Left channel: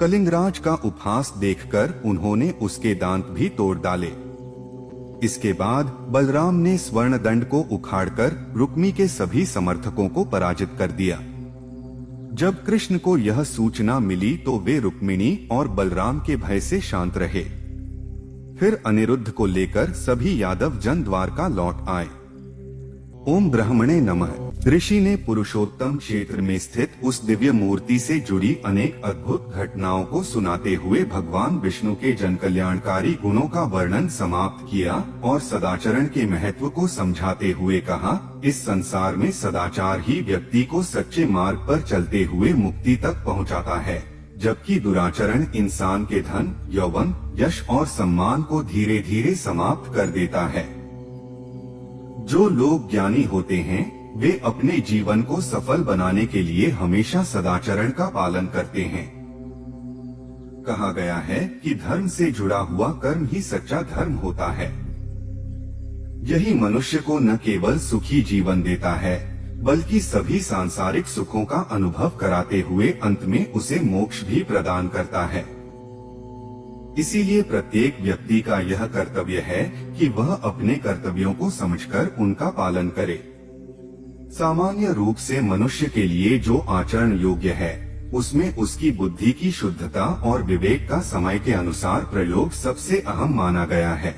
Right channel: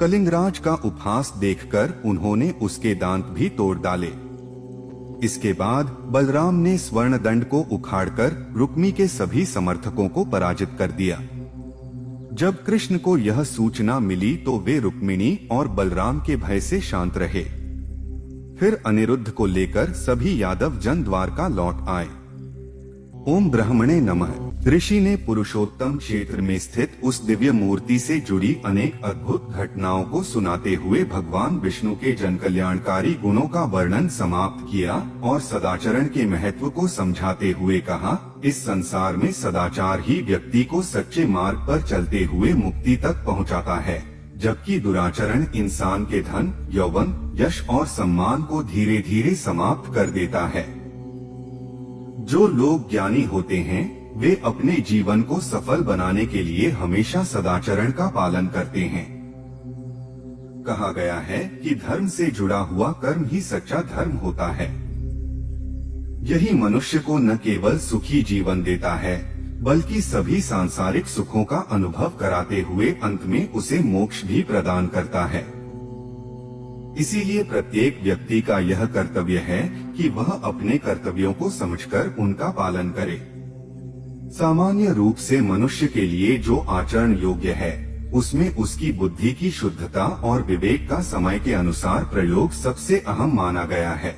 कलिंगराज का उपहास देखकर उन्होंने उसके दांत भी तोड़ डाले। इसके बाद बलराम ने स्वर्ण दंड को उखाड़कर रुक्मी के सभी समर्थकों को पराजित कर दिया। जब कृष्ण को यह सूचना मिली तो वे रुक्मिणी और बलराम के भय से शांत रहे। फिर अनिरुद्ध को लेकर सभी यादव जन द्वारका लौट आए। ओम ब्रह्मणे नमः। ऋषि ने पुरुषोत्तम क्षेत्र में स्थित उस दिव्य मूर्ति से जुड़ी अनेक अद्भुत घटनाओं को सुनाते हुए भगवान विष्णु के जनकल्याणकारी गुणों का वर्णन समाप्त किया और सदाचरण के महत्व को समझाते हुए कहा, इस संसार में सदाचार ही व्यक्ति को सच्चे मार्ग पर चलते हुए मुक्ति तक पहुंचाता है, जबकि दुराचरण इंसान के धन, यौवन, यश और सम्मान को धीरे धीरे समाप्त कर देता है। जो लोग ज्ञानी होते हैं वे अपने जीवन को सफल बनाने के लिए हमेशा सदाचरण का पालन करते हैं। कहा गया है कि धर्म से जुड़ा हुआ कर्म ही सच्चा धर्म होता है। यही मनुष्य को न केवल सुखी जीवन देता है बल्कि सभी सांसारिक सुखों का अनुभव कराते हुए अंत में उसे मोक्ष भी प्रदान करता है। इसीलिए प्रत्येक व्यक्ति का यह कर्तव्य है कि वह अपने कर्तव्यों को समझकर उनका पालन करे। सामान्य रूप से मनुष्य के लिए जो आचरण योग्य है उसमें उसकी बुद्धि की शुद्धता और विवेक का समय के अनुसार प्रयोग सबसे अहम माना गया है।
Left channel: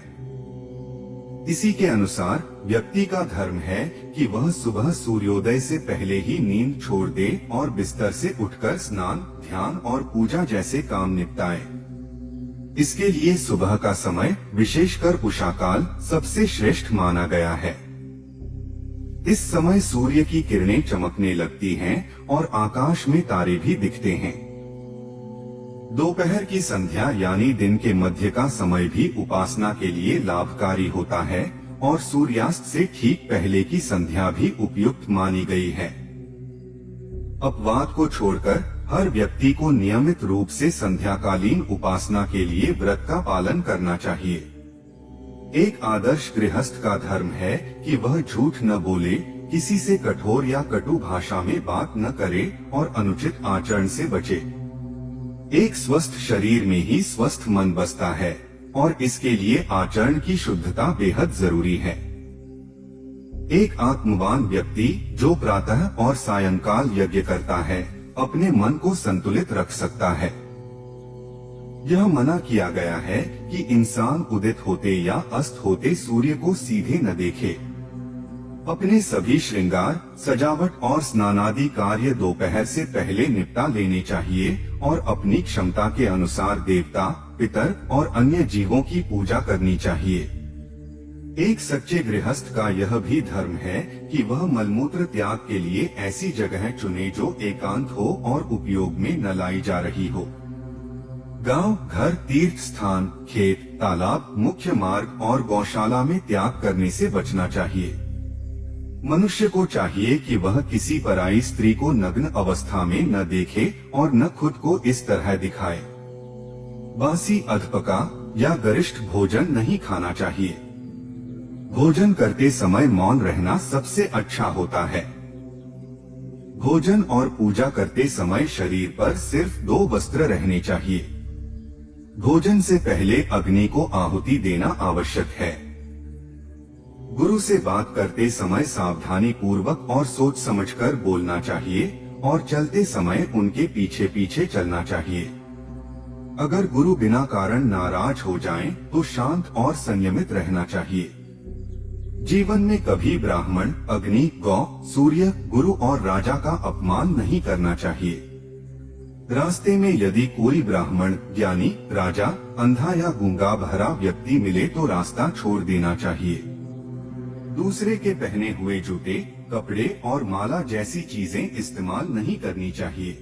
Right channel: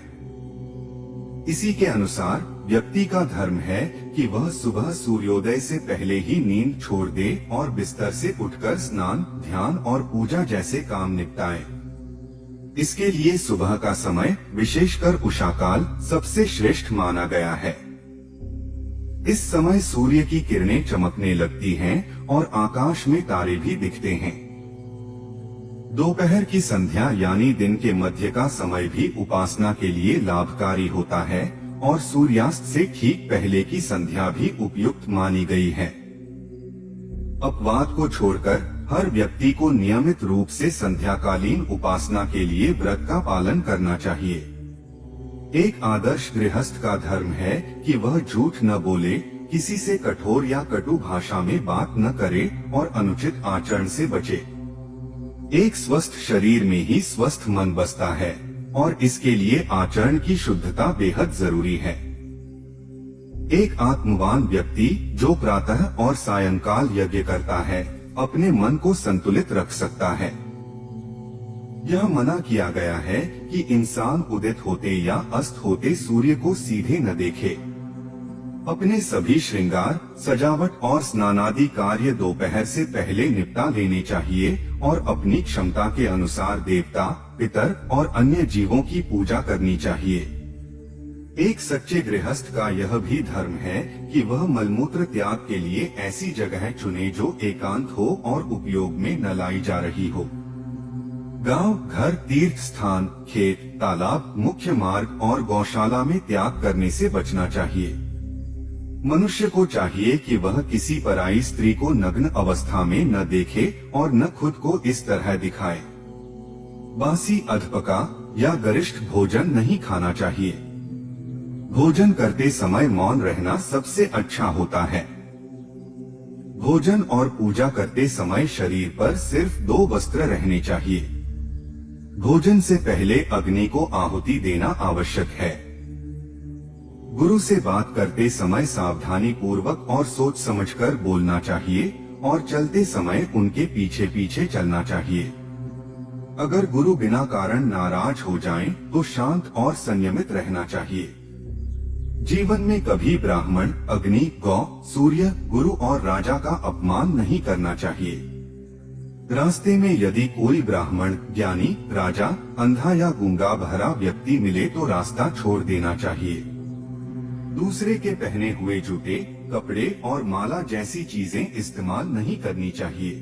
इसी के अनुसार व्यक्ति का धर्म है कि वह सुबह सूर्योदय से पहले ही नींद छोड़ दे और बिस्तर से उठकर स्नान, ध्यान और पूजा जैसे काम निपटाए। इसके लिए सुबह का समय, विशेषकर उषाकाल, सबसे श्रेष्ठ माना गया है। इस समय सूर्य की किरणें चमकने लगती हैं और आकाश में तारे भी दिखते हैं। दोपहर की संध्या यानी दिन के मध्य का समय भी उपासना के लिए लाभकारी होता है और सूर्यास्त से ठीक पहले की संध्या भी उपयुक्त मानी गई है। अपवाद को छोड़कर हर व्यक्ति को नियमित रूप से संध्याकालीन उपासना के लिए व्रत का पालन करना चाहिए। एक आदर्श गृहस्थ का धर्म है कि वह झूठ न बोले, किसी से कठोर या कटु भाषा में बात न करे और अनुचित आचरण से बचे। एक स्वस्थ शरीर में ही स्वस्थ मन बसता है और इसके लिए आचरण की शुद्धता बेहद जरूरी है। एक आत्मवान व्यक्ति जो प्रातः और सायंकाल यज्ञ करता है अपने मन को संतुलित रख सकता है। यह मना किया गया है कि इंसान उदित होते या अस्त होते सूर्य को सीधे न देखे। अपने सभी श्रृंगार, सजावट और स्नानादि कार्य दोपहर से पहले निपटा लेने चाहिए और अपनी क्षमता के अनुसार देवता, पितर और अन्य जीवों की पूजा करनी चाहिए। एक सच्चे गृहस्थ का यह भी धर्म है कि वह मलमूत्र त्याग के लिए ऐसी जगह चुने जो एकांत हो और उपयोग में न लाई जा रही हो। गांव, घर, तीर्थ स्थान, खेत, तालाब, मुख्य मार्ग और गौशाला में त्याग करने से बचना चाहिए। मनुष्य को चाहिए कि वह किसी पराई स्त्री को नग्न अवस्था में न देखे और न खुद को इस तरह दिखाए। बासी, अधपका या गरिष्ठ भोजन नहीं खाना चाहिए। भोजन करते समय मौन रहना सबसे अच्छा होता है। भोजन और पूजा करते समय शरीर पर सिर्फ 2 वस्त्र रहने चाहिए। भोजन से पहले अग्नि को आहुति देना आवश्यक है। गुरु से बात करते समय सावधानी पूर्वक और सोच समझकर बोलना चाहिए और चलते समय उनके पीछे पीछे चलना चाहिए। अगर गुरु बिना कारण नाराज हो जाएं, तो शांत और संयमित रहना चाहिए। जीवन में कभी ब्राह्मण, अग्नि, गौ, सूर्य, गुरु और राजा का अपमान नहीं करना चाहिए। रास्ते में यदि कोई ब्राह्मण, ज्ञानी, राजा, अंधा या गूंगा बहरा व्यक्ति मिले तो रास्ता छोड़ देना चाहिए। दूसरे के पहने हुए जूते, कपड़े और माला जैसी चीजें इस्तेमाल नहीं करनी चाहिए।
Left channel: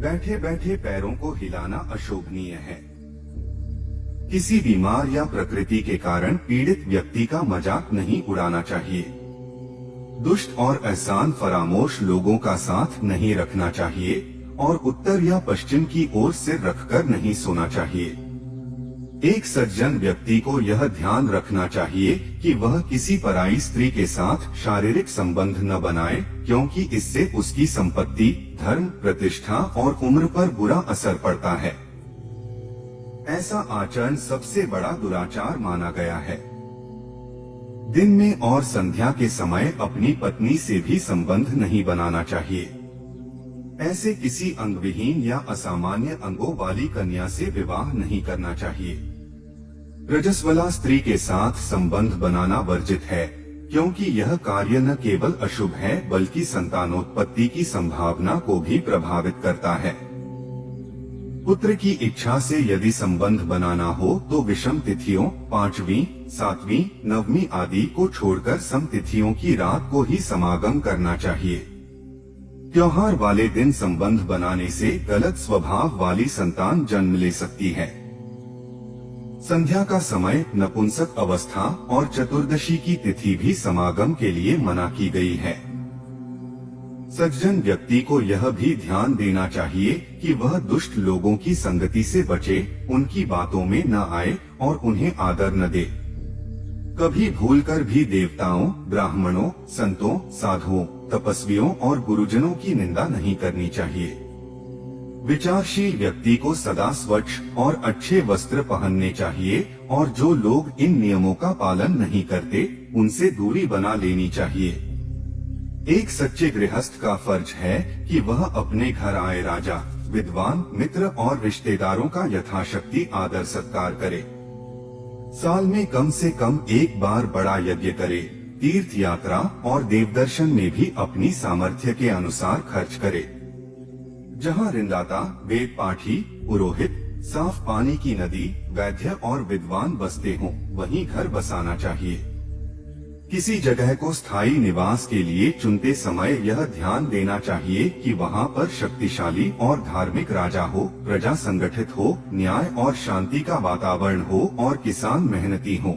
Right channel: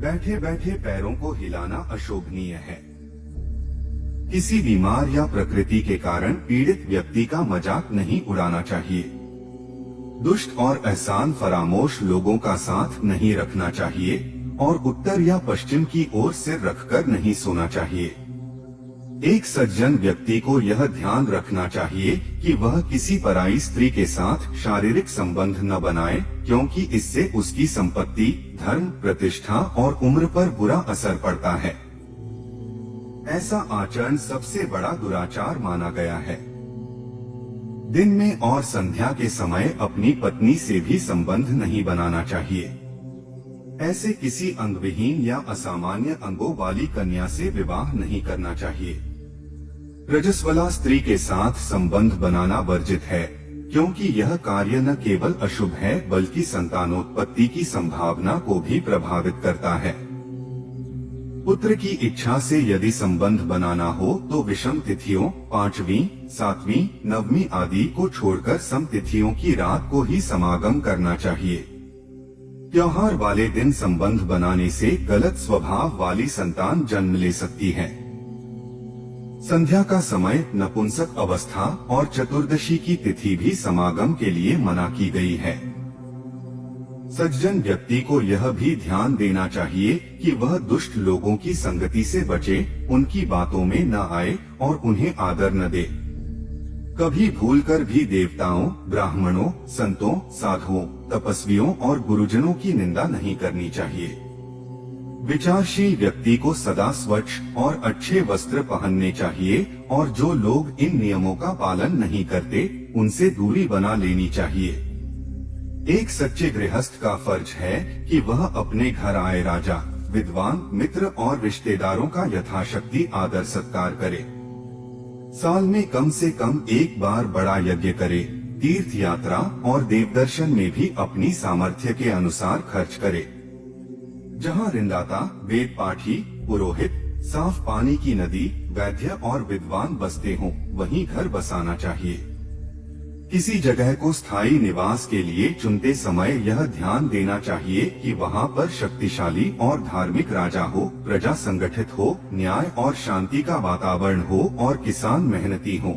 बैठे बैठे पैरों को हिलाना अशोभनीय है। किसी बीमार या प्रकृति के कारण पीड़ित व्यक्ति का मजाक नहीं उड़ाना चाहिए। दुष्ट और एहसान फरामोश लोगों का साथ नहीं रखना चाहिए और उत्तर या पश्चिम की ओर सिर रखकर नहीं सोना चाहिए। एक सज्जन व्यक्ति को यह ध्यान रखना चाहिए कि वह किसी पराई स्त्री के साथ शारीरिक संबंध न बनाए, क्योंकि इससे उसकी संपत्ति, धर्म, प्रतिष्ठा और उम्र पर बुरा असर पड़ता है। ऐसा आचरण सबसे बड़ा दुराचार माना गया है। दिन में और संध्या के समय अपनी पत्नी से भी संबंध नहीं बनाना चाहिए। ऐसे किसी अंगविहीन या असामान्य अंगों वाली कन्या से विवाह नहीं करना चाहिए। रजस्वला स्त्री के साथ संबंध बनाना वर्जित है, क्योंकि यह कार्य न केवल अशुभ है बल्कि संतानोत्पत्ति की संभावना को भी प्रभावित करता है। पुत्र की इच्छा से यदि संबंध बनाना हो तो विषम तिथियों 5वीं, 7वीं, 9वीं आदि को छोड़कर सम तिथियों की रात को ही समागम करना चाहिए। त्योहार वाले दिन संबंध बनाने से गलत स्वभाव वाली संतान जन्म ले सकती है। संध्या का समय नपुंसक अवस्था और चतुर्दशी की तिथि भी समागम के लिए मना की गई है। सज्जन व्यक्ति को यह भी ध्यान देना चाहिए कि वह दुष्ट लोगों की संगति से बचे, उनकी बातों में न आए और उन्हें आदर न दे। कभी भूलकर भी देवताओं, ब्राह्मणों, संतों, साधुओं, तपस्वियों और गुरुजनों की निंदा नहीं करनी चाहिए। विचारशील व्यक्ति को सदा स्वच्छ और अच्छे वस्त्र पहनने चाहिए और जो लोग इन नियमों का पालन नहीं करते, उनसे दूरी बना लेनी चाहिए। एक सच्चे गृहस्थ का फर्ज है कि वह अपने घर आए राजा, विद्वान, मित्र और रिश्तेदारों का यथाशक्ति आदर सत्कार करे। साल में कम से कम एक बार बड़ा यज्ञ करे, तीर्थ यात्रा और देवदर्शन में भी अपनी सामर्थ्य के अनुसार खर्च करे। जहाँ ऋणदाता, वेद पाठी, पुरोहित, साफ पानी की नदी, वैद्य और विद्वान बसते हों, वहीं घर बसाना चाहिए। किसी जगह को स्थायी निवास के लिए चुनते समय यह ध्यान देना चाहिए कि वहाँ पर शक्तिशाली और धार्मिक राजा हो, प्रजा संगठित हो, न्याय और शांति का वातावरण हो और किसान मेहनती हो।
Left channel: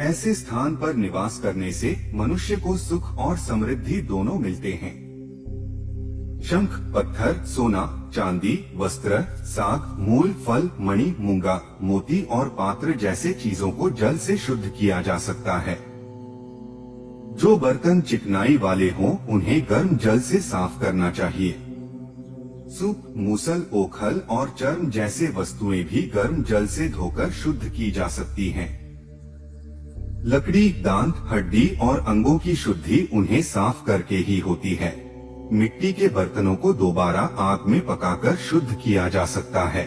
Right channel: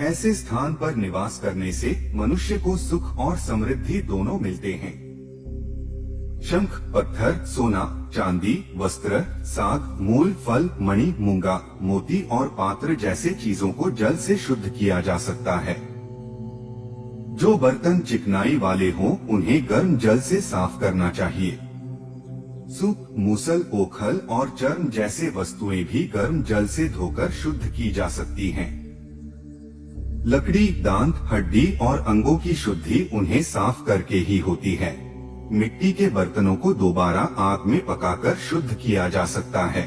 ऐसे स्थान पर निवास करने से मनुष्य को सुख और समृद्धि दोनों मिलते हैं। शंख, पत्थर, सोना, चांदी, वस्त्र, साग, मूल, फल, मणि, मूंगा, मोती और पात्र जैसे चीजों को जल से शुद्ध किया जा सकता है। जो बर्तन चिकनाई वाले हों, उन्हें गर्म जल से साफ करना चाहिए। सूप, मूसल, ओखल और चर्म जैसे वस्तुएं भी गर्म जल से धोकर शुद्ध की जा सकती हैं। लकड़ी, दांत, हड्डी और अंगों की शुद्धि उन्हें साफ करके ही होती है। मिट्टी के बर्तनों को दोबारा आग में पकाकर शुद्ध किया जा सकता है।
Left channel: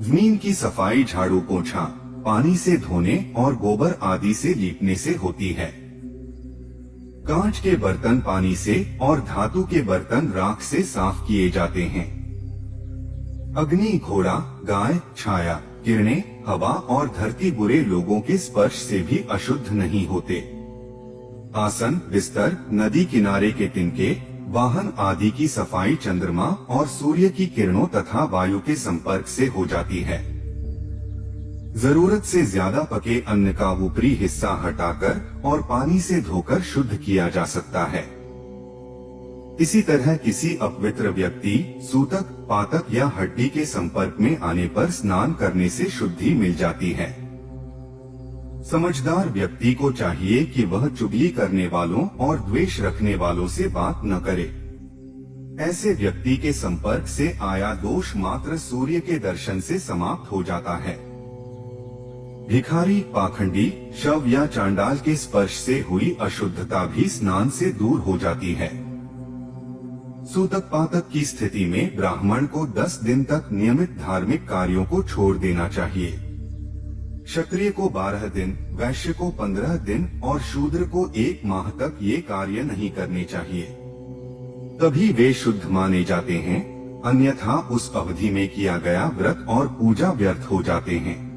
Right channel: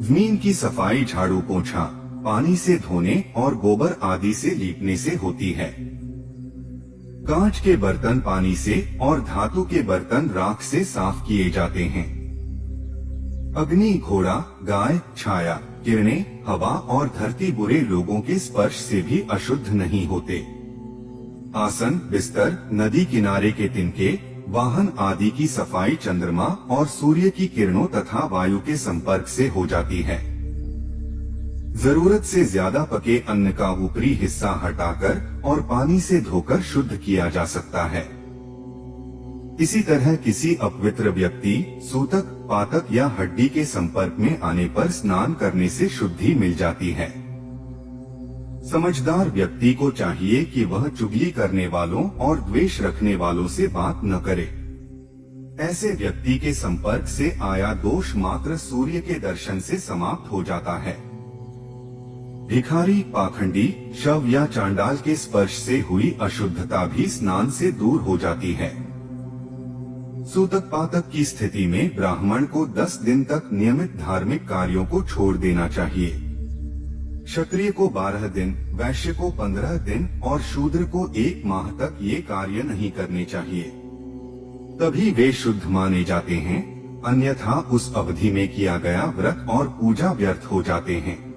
जमीन की सफाई झाड़ू, पोंछा, पानी से धोने और गोबर आदि से लीपने से होती है। कांच के बर्तन पानी से और धातु के बर्तन राख से साफ किए जाते हैं। अग्नि, घोड़ा, गाय, छाया, किरणें, हवा और धरती बुरे लोगों के स्पर्श से भी अशुद्ध नहीं होते। आसन, बिस्तर, नदी किनारे के तिनके, वाहन आदि की सफाई चंद्रमा और सूर्य की किरणों तथा वायु के संपर्क से हो जाती है। जरूरत से ज्यादा पके अन्न का ऊपरी हिस्सा हटाकर और पानी से धोकर शुद्ध किया जा सकता है। इसी तरह किसी अपवित्र व्यक्ति, सूतक, पातक या हड्डी के संपर्क में आने पर स्नान करने से शुद्धि मिल जाती है। समझदार व्यक्ति को चाहिए कि वह चुगली करने वालों और द्वेष रखने वालों से बात न करे। ऐसे व्यक्ति के संपर्क से आया दोष मात्र सूर्य के दर्शन से समाप्त हो जाता है। भिखारी, पाखंडी, शव या चांडाल के स्पर्श से हुई अशुद्धता भी स्नान से दूर हो जाती है। सूतक पातक की स्थिति में ब्राह्मण को 10 दिन तक नियमित धार्मिक कार्यों को छोड़ देना चाहिए। क्षत्रिय को 12 दिन, वैश्य को 15 दिन और शूद्र को 1 माह तक ये कार्य नहीं करने चाहिए। तभी वे शुद्ध माने जाते हैं, अन्यथा उस अवधि में किया गया व्रत और पूजा व्यर्थ हो जाते हैं।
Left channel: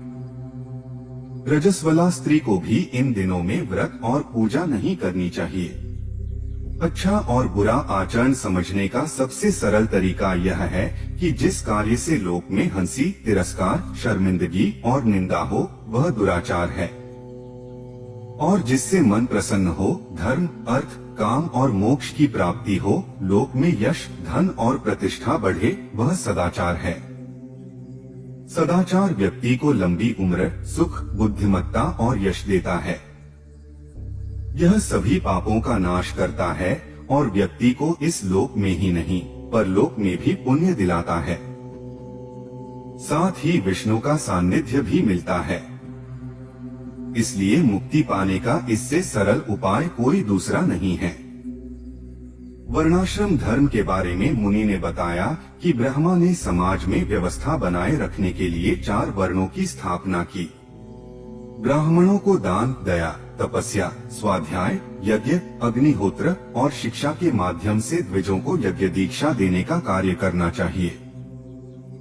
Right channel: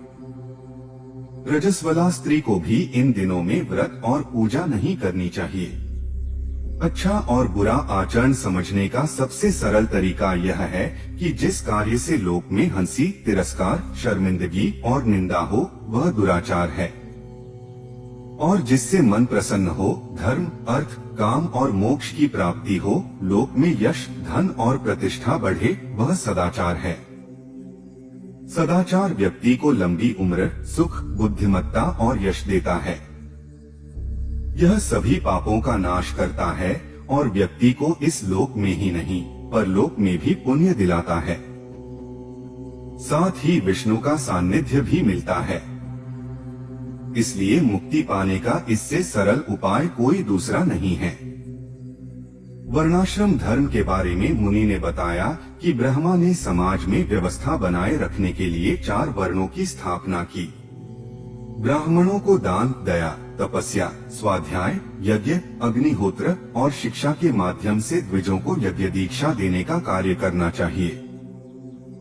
रजस्वला स्त्री को भी इन दिनों में व्रत और पूजा नहीं करनी चाहिए। अच्छा और बुरा आचरण समझने का सबसे सरल तरीका यह है कि जिस कार्य से लोक में हंसी, तिरस्कार, शर्मिंदगी और निंदा हो, वह दुराचार है। और जिससे मन प्रसन्न हो, धर्म, अर्थ, काम और मोक्ष की प्राप्ति हो, लोक में यश, धन और प्रतिष्ठा बढ़े, वह सदाचार है। सदाचार व्यक्ति को लंबी उम्र, सुख, बुद्धिमत्ता और यश देता है। यह सभी पापों का नाश करता है और व्यक्ति को इस लोक में ही नहीं परलोक में भी पुण्य दिलाता है। साथ ही विष्णु का सान्निध्य भी मिलता है। इसलिए मुक्ति पाने का इससे सरल उपाय कोई दूसरा नहीं है। वर्णाश्रम धर्म के बारे में मुनि ने बताया कि ब्रह्मा ने समाज में व्यवस्था बनाए रखने के लिए 4 वर्णों की स्थापना की। ब्राह्मणों को दान, दया, तपस्या, स्वाध्याय, यज्ञ, अग्निहोत्र और शिक्षा के माध्यम से द्विजों को यज्ञ दीक्षा देने का कार्य करना चाहिए।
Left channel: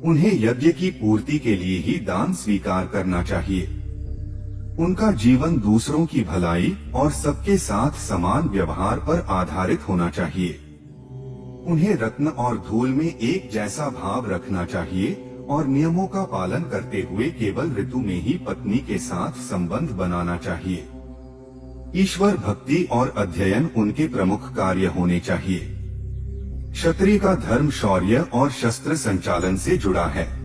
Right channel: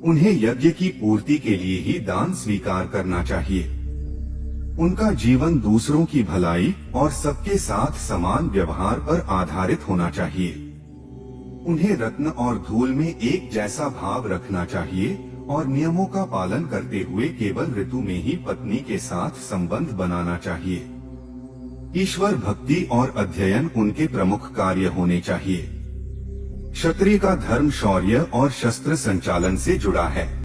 उन्हें यज्ञ की पूर्ति के लिए ही दान स्वीकार करना चाहिए। उनका जीवन दूसरों की भलाई और सबके साथ समान व्यवहार पर आधारित होना चाहिए। उन्हें रत्न और धूल में एक जैसा भाव रखना चाहिए और नियमों का पालन करते हुए केवल ऋतु में ही पत्नी के साथ संबंध बनाना चाहिए। ईश्वर भक्ति और अध्ययन उनके प्रमुख कार्य होने चाहिए। क्षत्रिय का धर्म शौर्य और शस्त्र संचालन से जुड़ा है।